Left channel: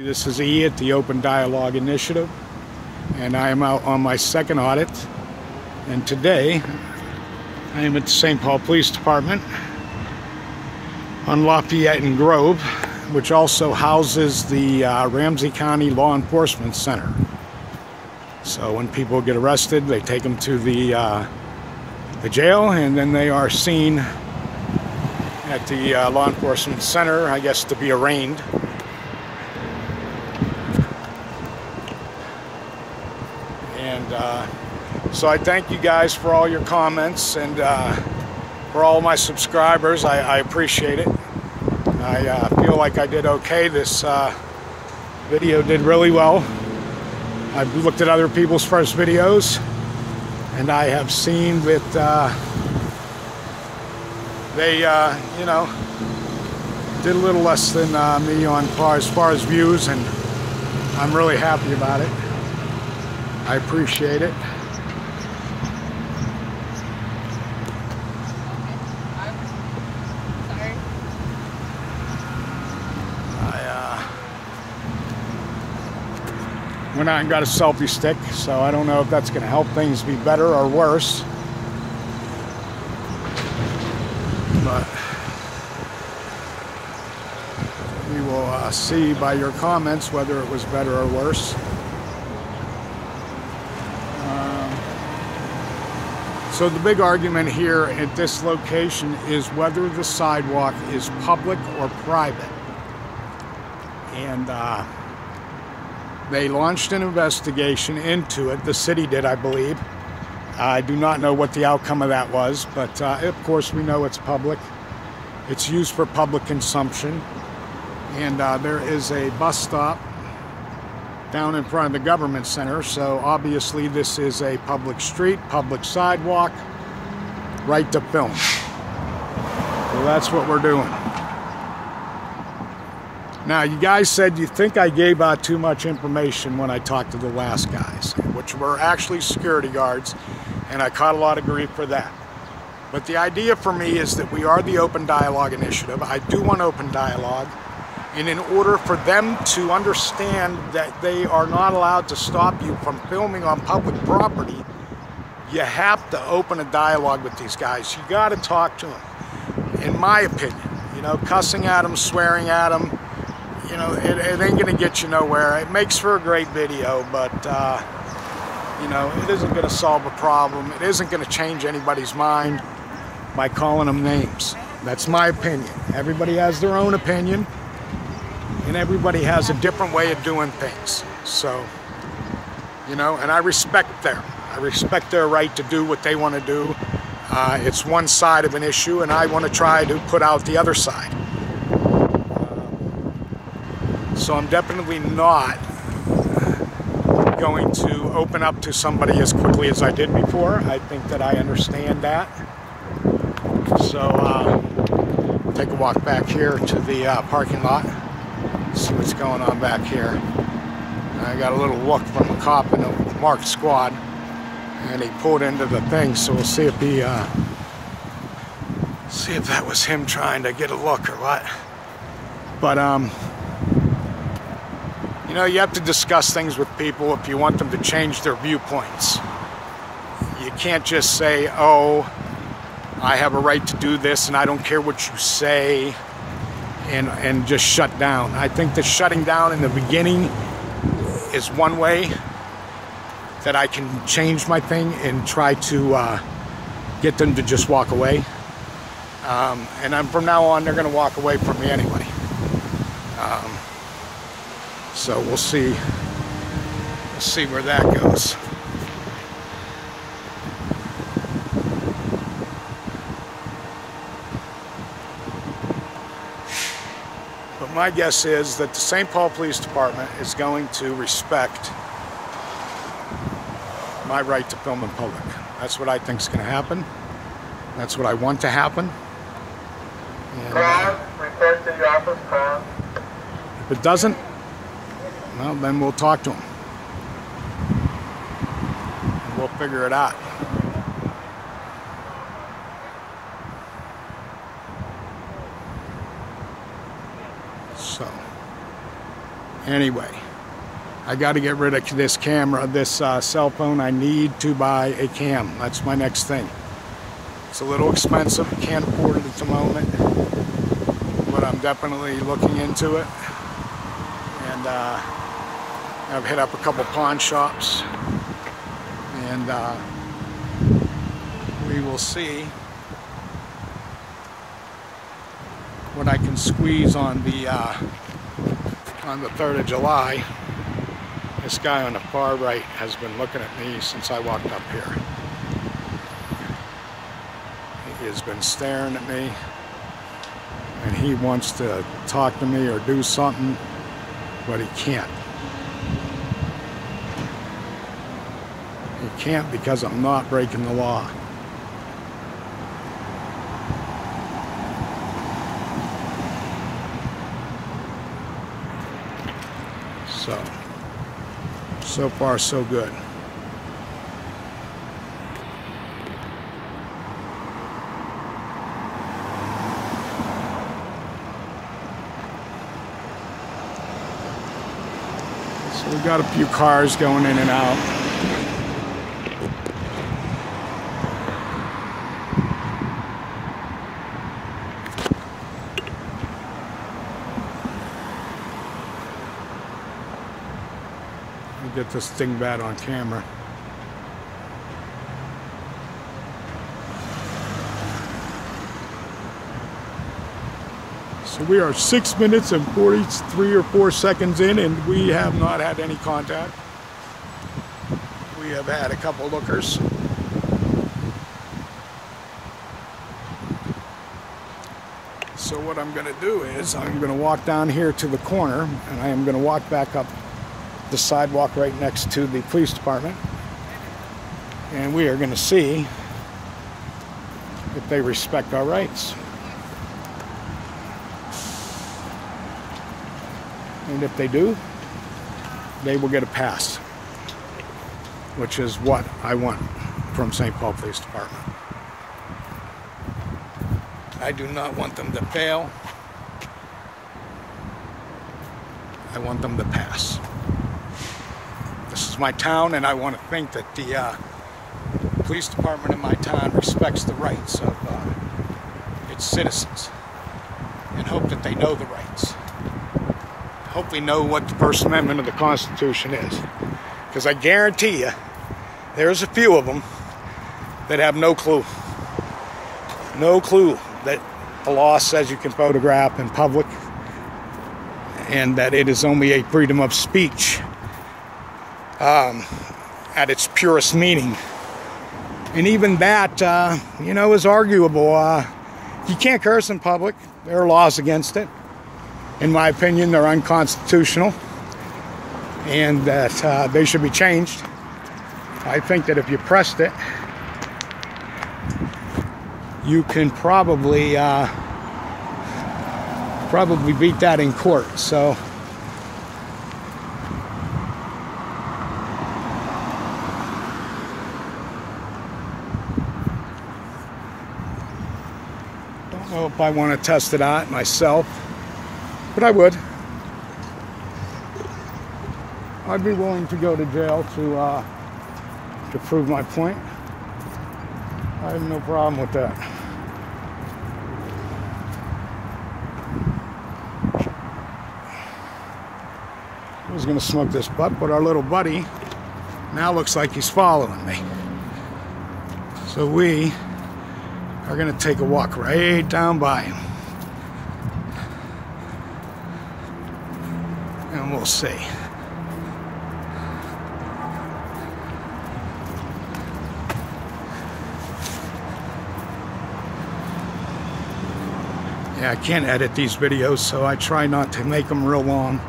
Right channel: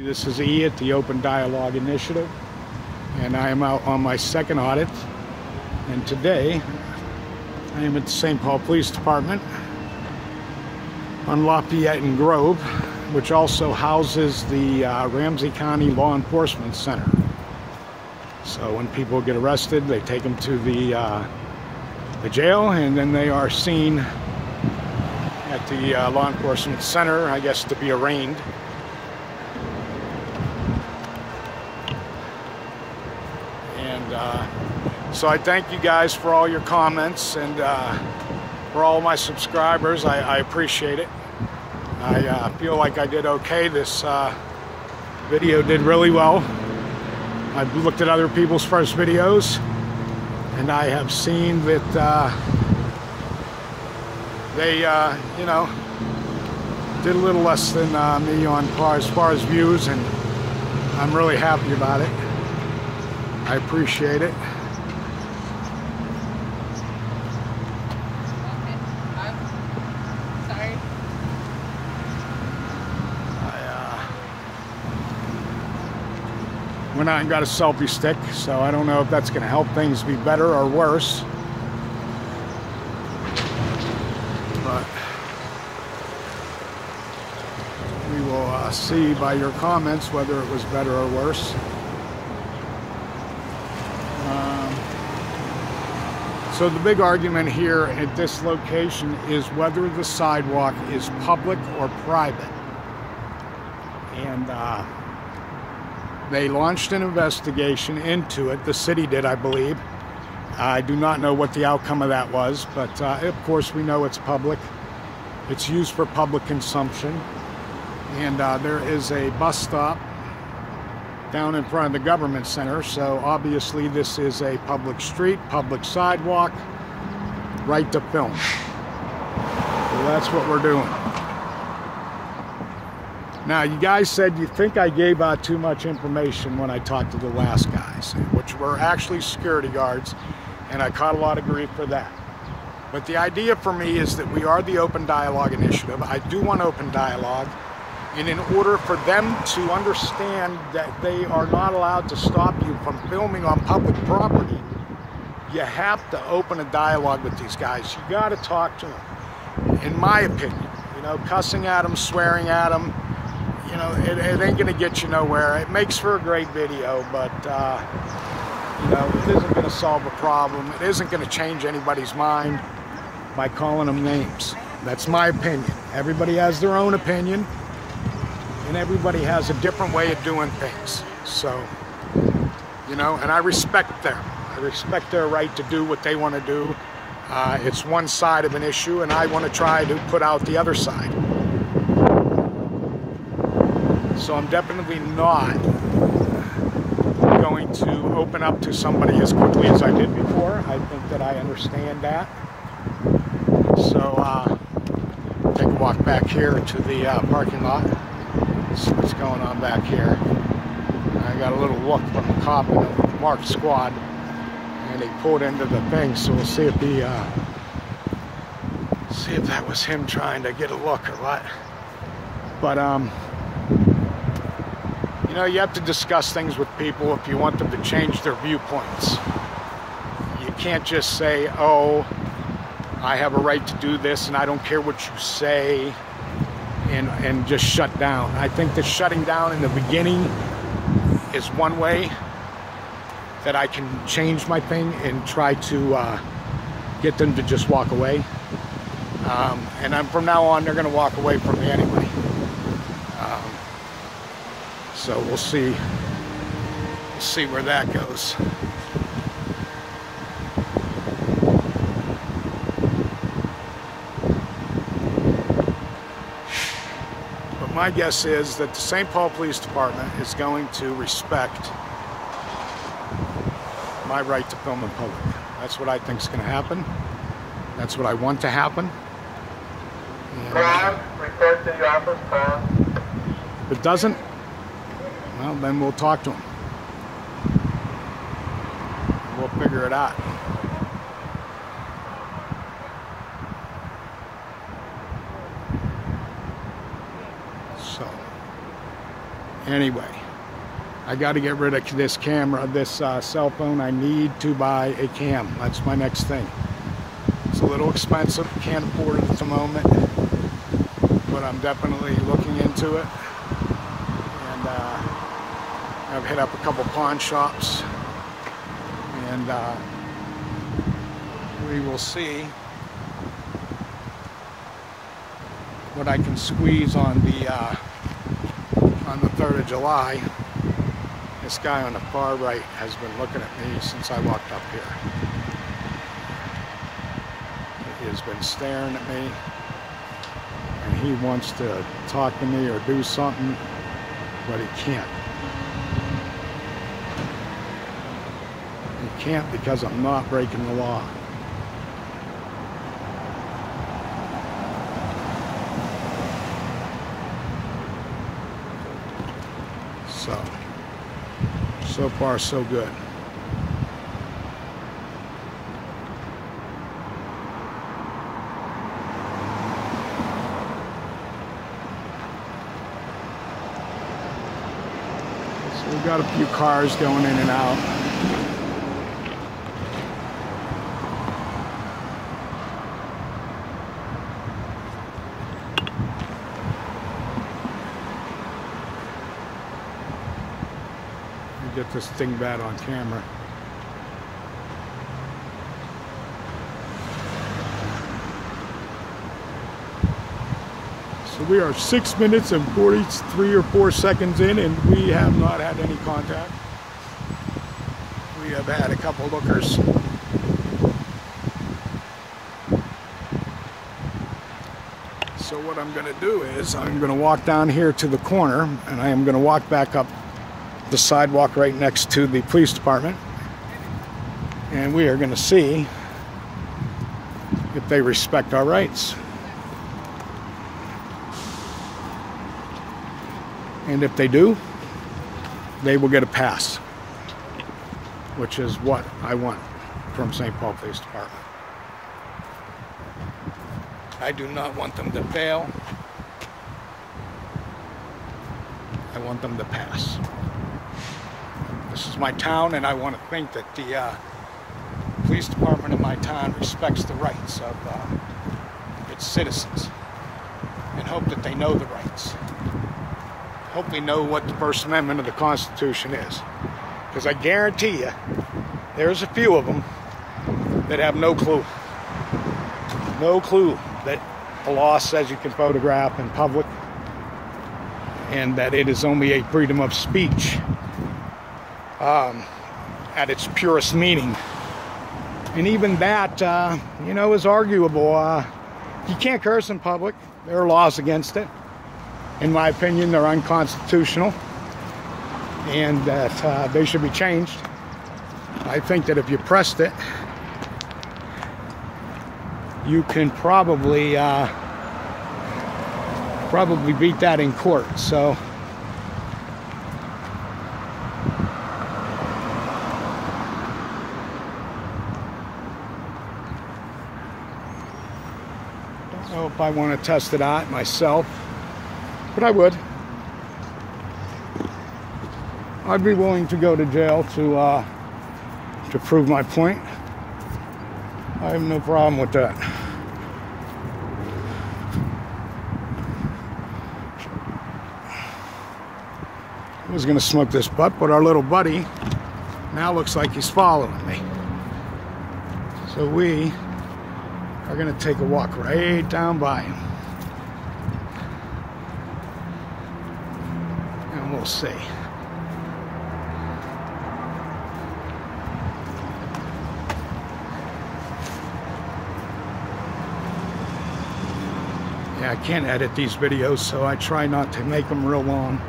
This is E at the Open Dialogue Initiative, and I am out on my second audit. And today, I am at the St. Paul Police Department on Lafayette and Grove, which also houses the Ramsey County Law Enforcement Center. So when people get arrested, they take them to the jail, and then they are seen at the Law Enforcement Center, I guess, to be arraigned. So I thank you guys for all your comments and for all my subscribers. I appreciate it. I feel like I did okay. This video did really well. I've looked at other people's first videos, and I have seen that they, you know, did a little less than me on as far as views, and I'm really happy about it. I appreciate it. Went out and got a selfie stick, so I don't know if that's going to help things be better or worse. But we will see by your comments whether it was better or worse. So the big argument here at this location is whether the sidewalk is public or private. And they launched an investigation into it. The city did, I believe. I do not know what the outcome of that was, but of course we know it's public. It's used for public consumption. And there is a bus stop down in front of the government center, so obviously this is a public street, public sidewalk, right to film. So that's what we're doing. Now, you guys said you think I gave out too much information when I talked to the last guys, which were actually security guards, and I caught a lot of grief for that. But the idea for me is that we are the Open Dialogue Initiative. I do want open dialogue. And in order for them to understand that they are not allowed to stop you from filming on public property, you have to open a dialogue with these guys. You got to talk to them. In my opinion, you know, cussing at them, swearing at them, you know, it ain't going to get you nowhere. It makes for a great video, but, you know, it isn't going to solve a problem. It isn't going to change anybody's mind by calling them names. That's my opinion. Everybody has their own opinion. And everybody has a different way of doing things. So, you know, and I respect them. I respect their right to do what they want to do. It's one side of an issue, and I want to try to put out the other side. So I'm definitely not going to open up to somebody as quickly as I did before. I think that I understand that. So, take a walk back here to the parking lot. See what's going on back here. I got a little look from a cop in the marked squad, and he pulled into the thing, so we'll see if he see if that was him trying to get a look or what. But you know, you have to discuss things with people if you want them to change their viewpoints. You can't just say, oh, I have a right to do this and I don't care what you say, and just shut down. I think that shutting down in the beginning is one way that I can change my thing and try to get them to just walk away. And from now on, they're going to walk away from me anyway. So we'll see. We'll see where that goes. My guess is that the St. Paul Police Department is going to respect my right to film in public. That's what I think is going to happen. That's what I want to happen. Report to the office, if it doesn't, well, then we'll talk to them. We'll figure it out. So Anyway, I got to get rid of this camera, this cell phone. I need to buy a cam. That's my next thing. It's a little expensive. Can't afford it at the moment, but I'm definitely looking into it. And I've hit up a couple pawn shops, and we will see what I can squeeze on the 3rd of July. This guy on the far right has been looking at me since I walked up here. He has been staring at me, and he wants to talk to me or do something, but he can't. He can't because I'm not breaking the law. So far so good. So we've got a few cars going in and out. Get this thing bad on camera. So we are 6 minutes and 43 or 4 seconds in, and we have not had any contact. We have had a couple lookers. So what I'm going to do is I'm going to walk down here to the corner, and I am going to walk back up the sidewalk right next to the police department, and we are going to see if they respect our rights. And if they do, they will get a pass, which is what I want from St. Paul Police Department. I do not want them to fail. I want them to pass. This is my town, and I want to think that the police department in my town respects the rights of its citizens, and hope that they know the rights. Hope they know what the First Amendment of the Constitution is. Because I guarantee you, there's a few of them that have no clue. No clue that the law says you can photograph in public, and that it is only a freedom of speech at its purest meaning. And even that, you know, is arguable. You can't curse in public. There are laws against it. In my opinion, they're unconstitutional, and that they should be changed. I think that if you pressed it, you can probably beat that in court. So don't know if I want to test it out myself, but I would. I'd be willing to go to jail to prove my point. I have no problem with that. I was going to smoke this butt, but our little buddy now looks like he's following me. So we are going to take a walk right down by him. And we'll see. Yeah, I can't edit these videos, so I try not to make them real long.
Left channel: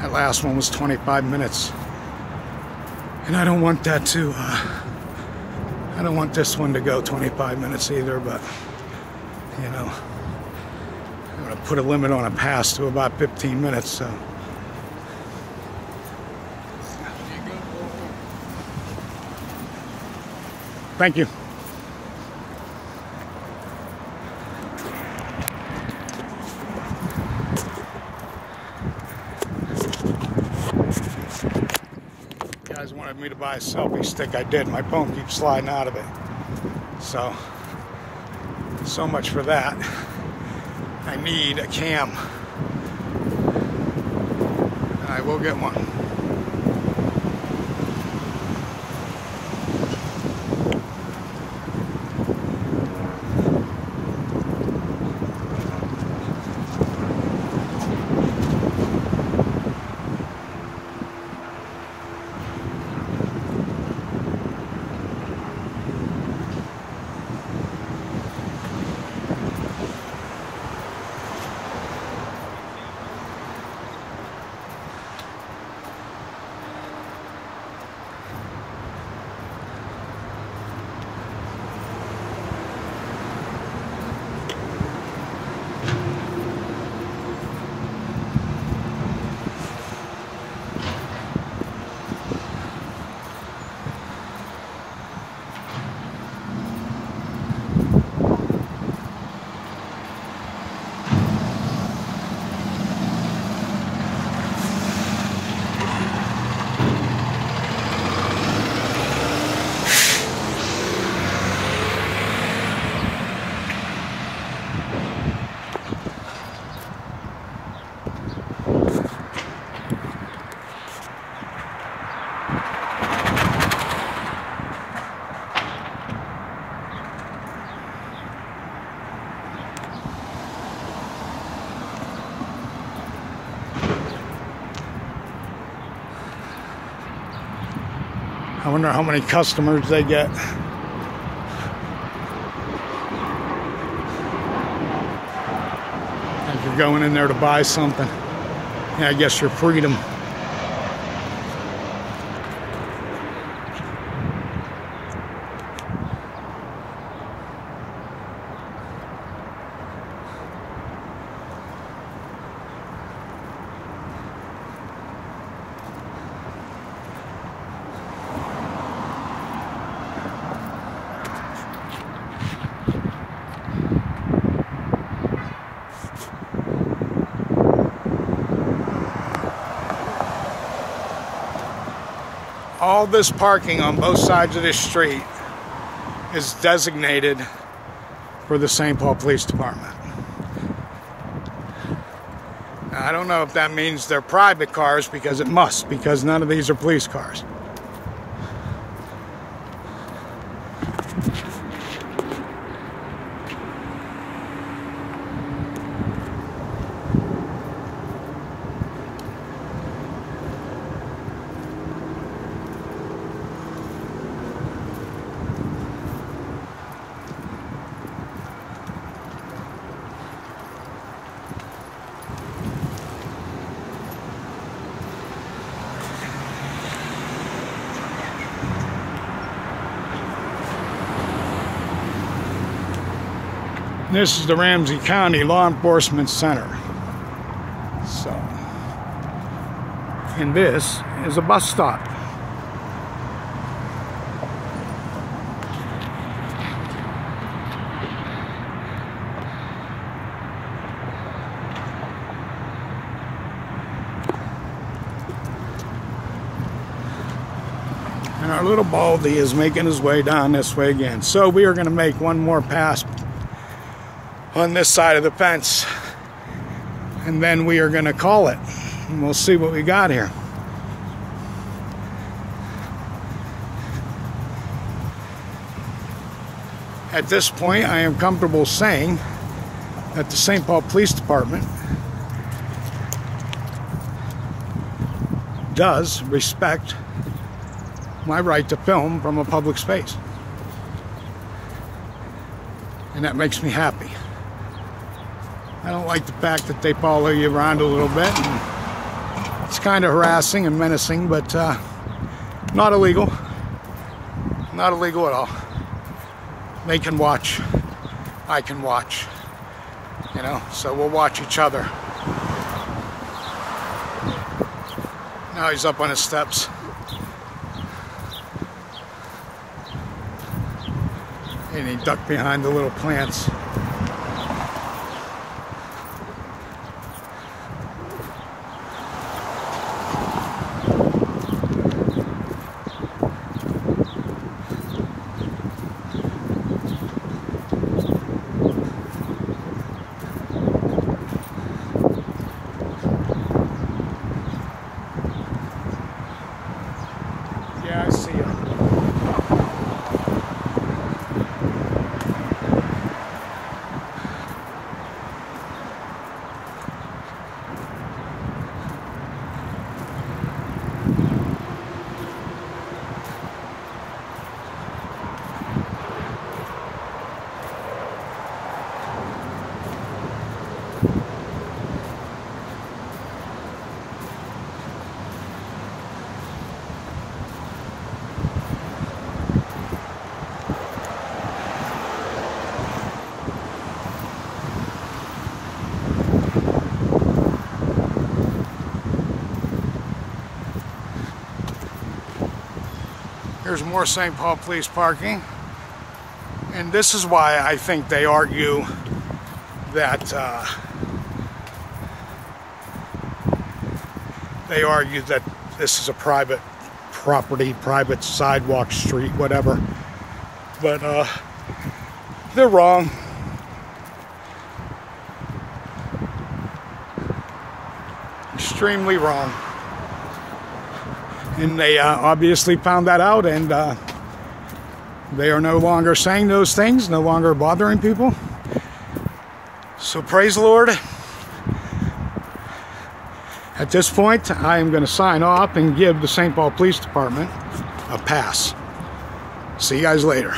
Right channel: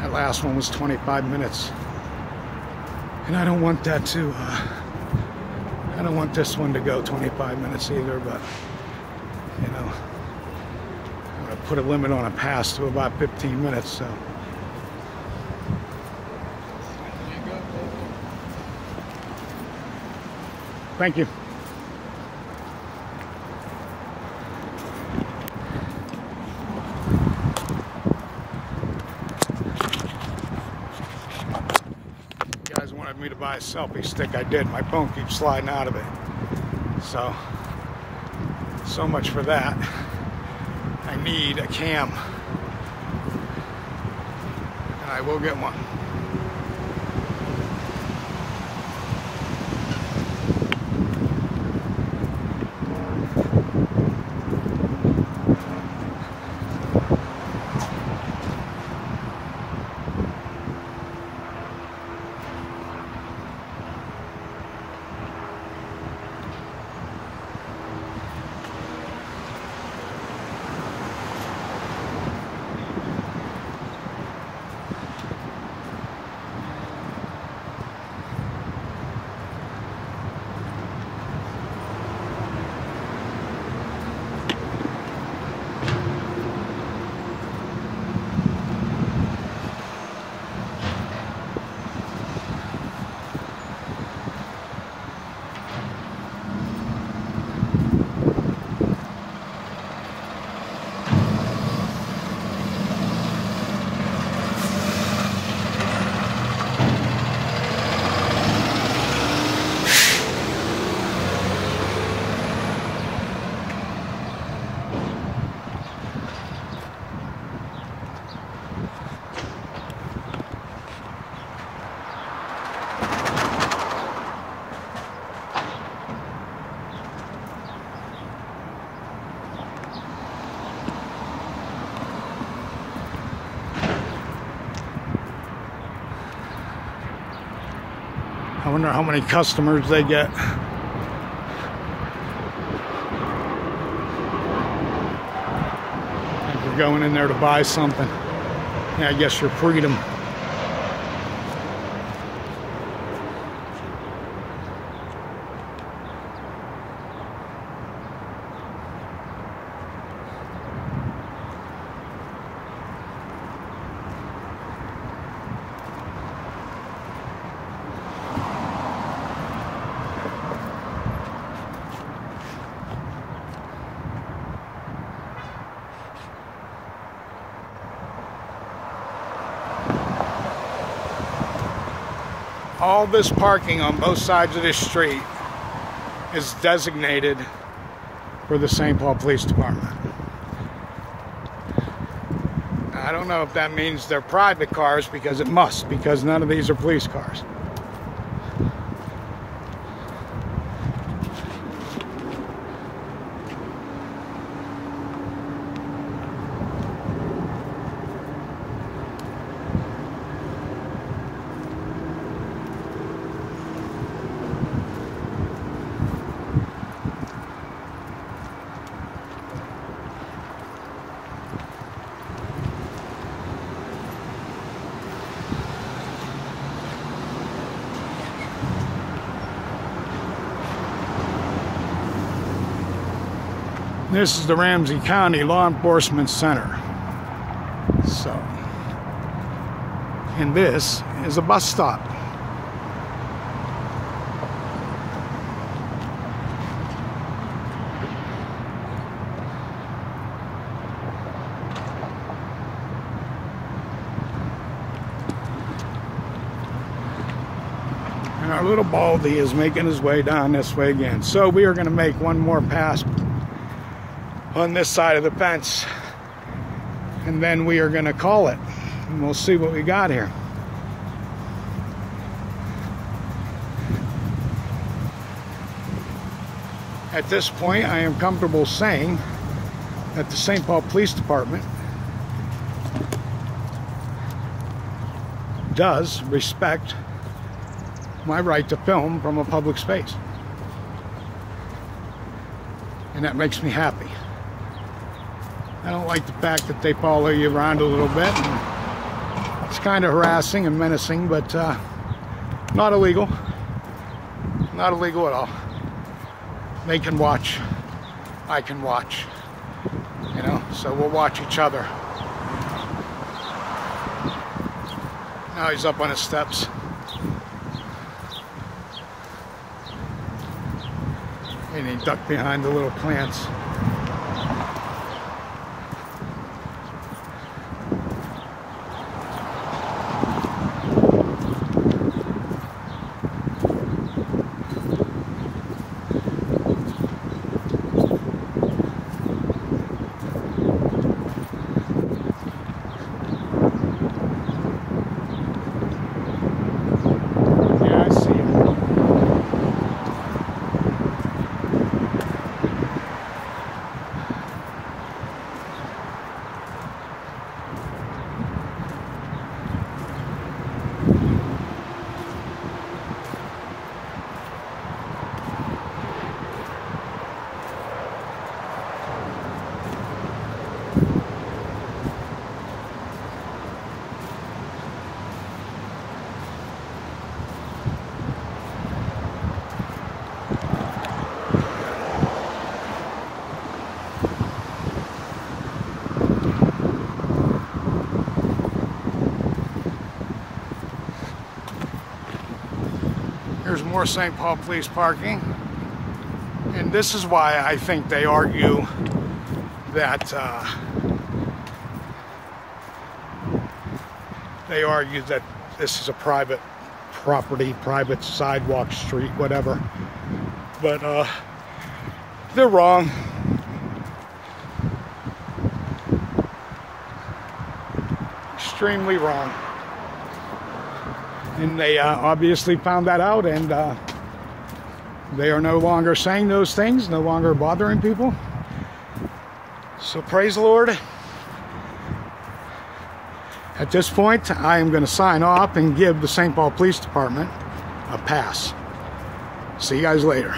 That last one was 25 minutes. And I don't want that to, I don't want this one to go 25 minutes either, but, you know, I'm going to put a limit on a pass to about 15 minutes, so. Thank you. guys wanted me to buy a selfie stick. I did. My phone keeps sliding out of it. So much for that. I need a cam. And I will get one. I wonder how many customers they get. If you're going in there to buy something, yeah, I guess your freedom. All this parking on both sides of this street is designated for the St. Paul Police Department. Now, I don't know if that means they're private cars, because it must, because none of these are police cars. This is the Ramsey County Law Enforcement Center. So, and this is a bus stop. And our little Baldy is making his way down this way again. So we are going to make one more pass on this side of the fence, and then we are going to call it, and we'll see what we got here. At this point, I am comfortable saying that the St. Paul Police Department does respect my right to film from a public space, and that makes me happy. I don't like the fact that they follow you around a little bit. And it's kind of harassing and menacing, but not illegal. Not illegal at all. They can watch. I can watch. You know, so we'll watch each other. Now he's up on his steps. And he ducked behind the little plants. Here's more St. Paul Police parking. And this is why I think they argue that this is a private property, private sidewalk, street, whatever. But they're wrong. Extremely wrong. And they obviously found that out, and they are no longer saying those things, no longer bothering people. So praise the Lord. At this point, I am going to sign off and give the St. Paul Police Department a pass. See you guys later.